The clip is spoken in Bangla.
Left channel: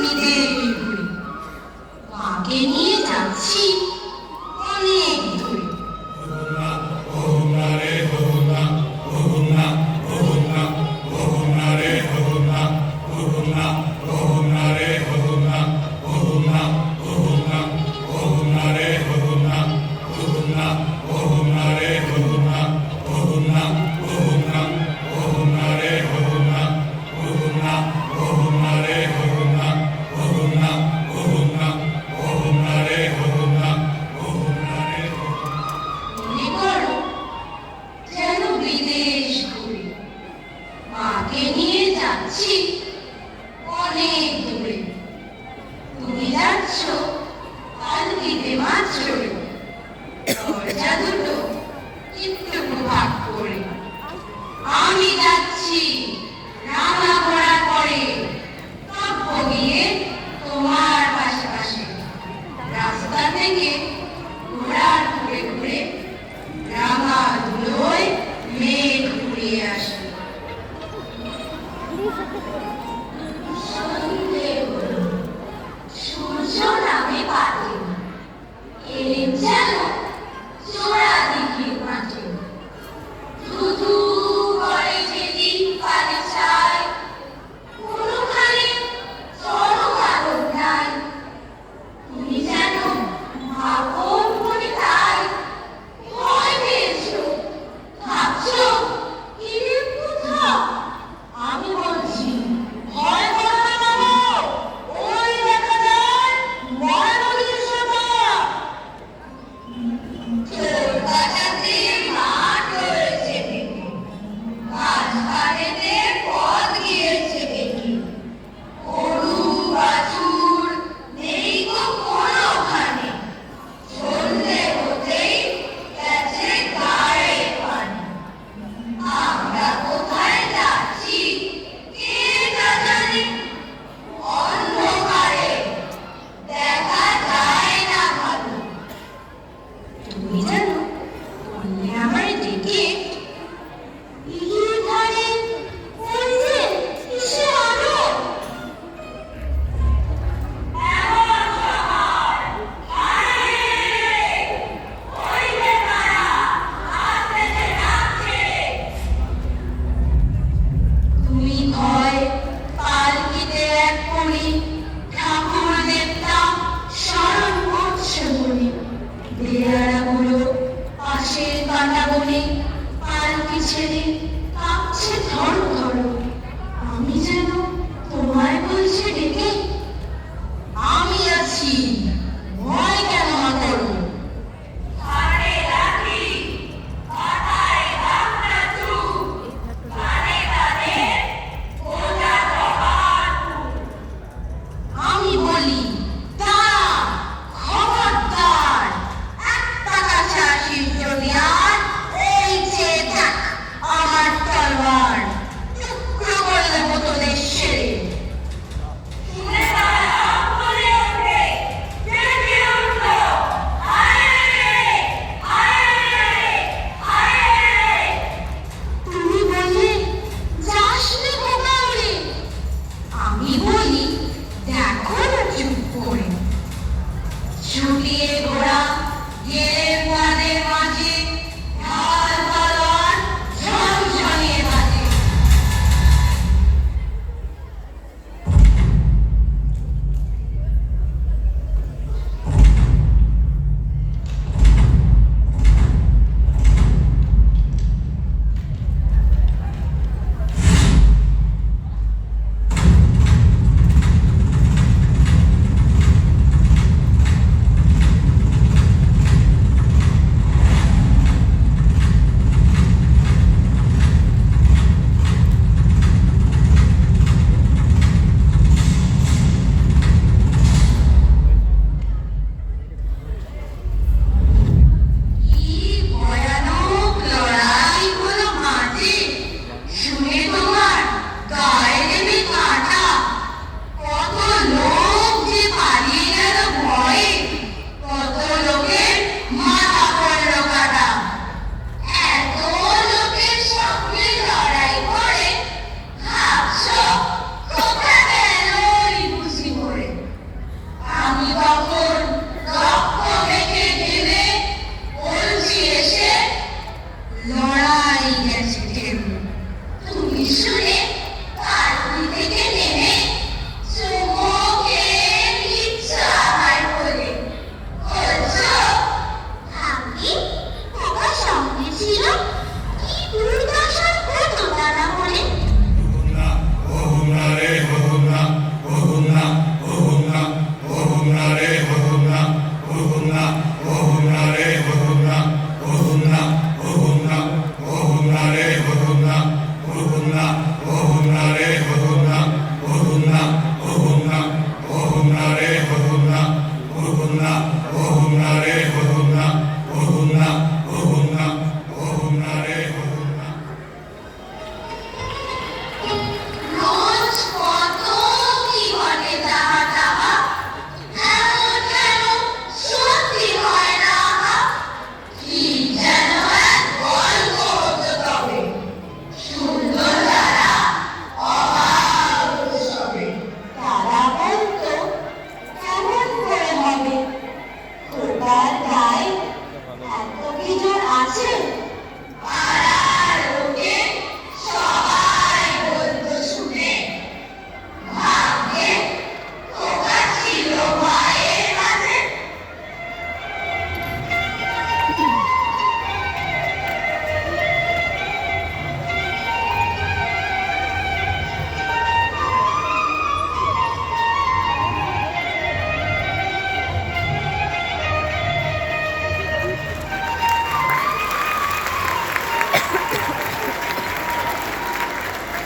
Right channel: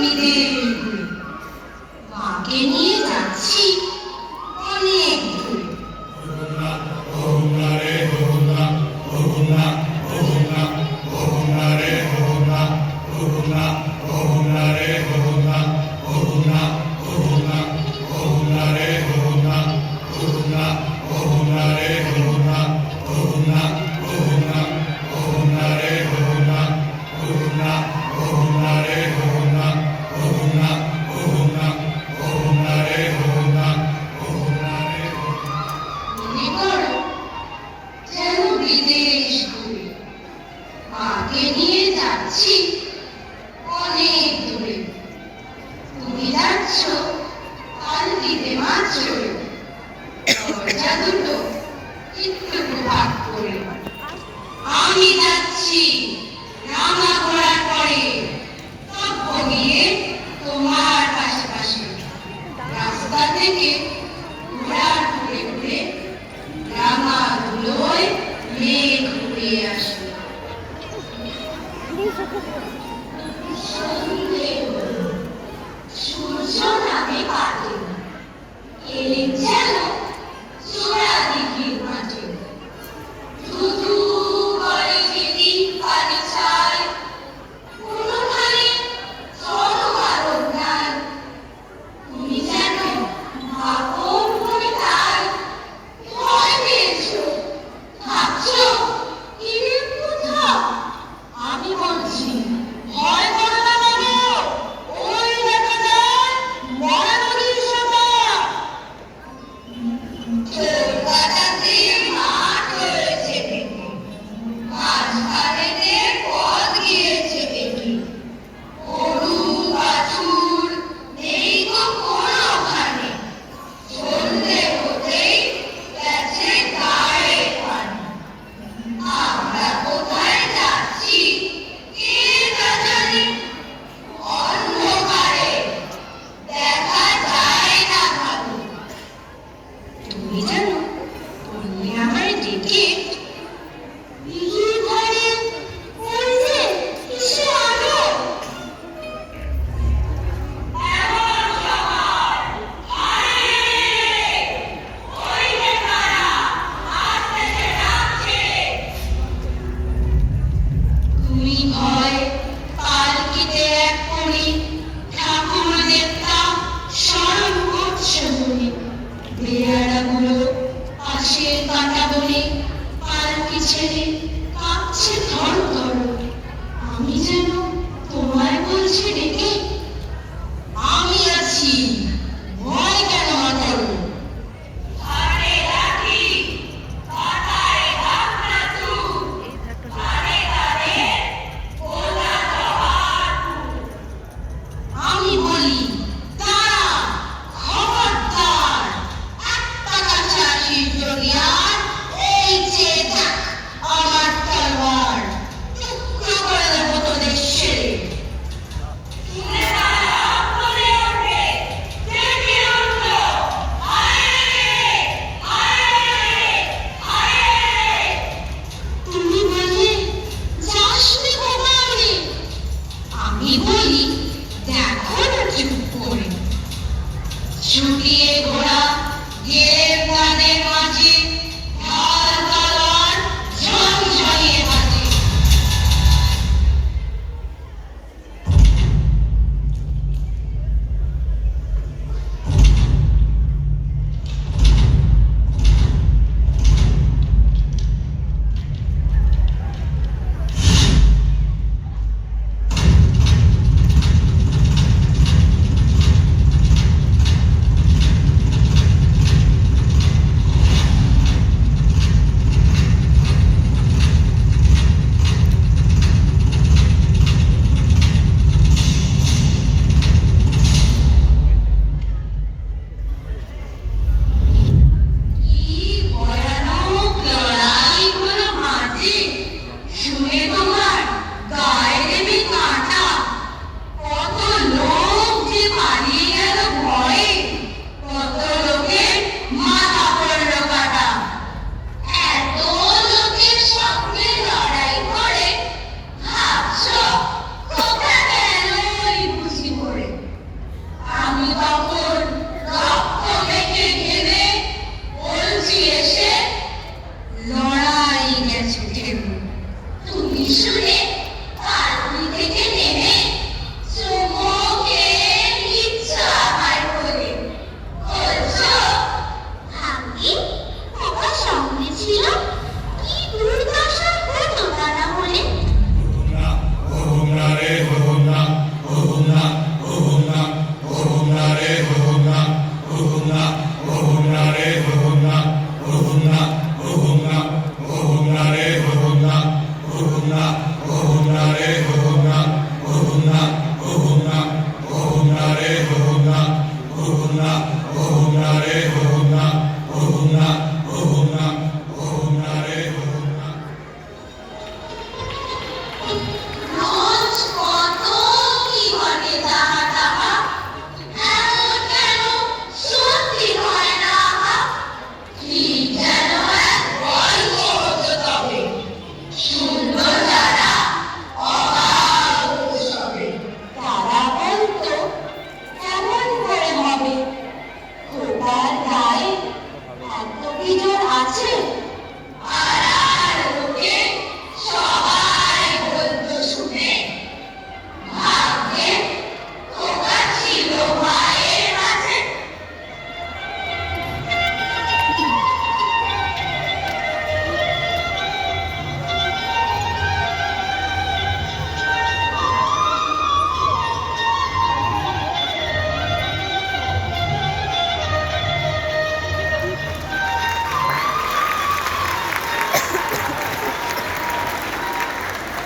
বিদেশ ঘুরে, মাকে নিয়ে যাচ্ছি অনেক দূরে। মনে করো যেন বিদেশ ঘুরে, মাকে নিয়ে যাচ্ছি অনেক দূরে। তুমি যাচ্ছ পালকিতে মাছ চড়ে, দরজা দুটো একটু ভাগ করে। আমি যাচ্ছি রাঙা ঘোড়া করে, কাব্য গিয়ে তোমার পাশে পাশে। রাস্তা থেকে ঘোড়ার ঘুরে ঘুরে রাঙা ধুলোয় মেঘ উড়িয়ে আসে। সন্ধে হলো, সূর্য নামে পাতে, এলেন যেন চোরা দিঘির মাঠে। ধুধু করে যেদিন পানি চায়, কোনোখানে জলধারণ নাই। তুমি যেন আপন মনে তাই ভয় পেয়েছো, ভাবছো এদের কোথাও। আমি বলছি ভয় করো না বাবু, ওই দেখা যায় মরা নদীর সোনা। চোর কাটাতে মাঠ হয়েছে দেখি, মাছ ঘাটেতে পথ গিয়েছে দেখি। গরু বাছুর নেই তো কোনোখানে, সন্ধে হতেই গেছে গায়ে পানি। আমরা কোথায় যাচ্ছি কে তা জানে, অন্ধকারে দেখা যায় না ভালো। তুমি জানো বললে আমায় ডেকে, দিঘির ধারে ওই যে কিসের আলো। তুমি ভয় পালকিতে এক কোণে ঠাকুর দেবতা স্মরণ করছো বলে। বেয়ারাগুলো পাশের কাঁটা বনে পালকি ছেড়ে কাঁপছে ধর ধর। আমি যেন তোমায় বলছি ডেকে, আমি আছি, ভয় কেন করো। আমি বলি দাঁড়া, খবরদার, একটা কাছাকাছি যদি আর এই চেয়ে থাক আমার তলোয়ার, টুকরো করে দেবো তোদের সেরে। তুমি বললে যাস নে খোকা ওরে, আমি বলি দেখো না চুপ করে। ছুটিয়ে ঘোড়া গেলে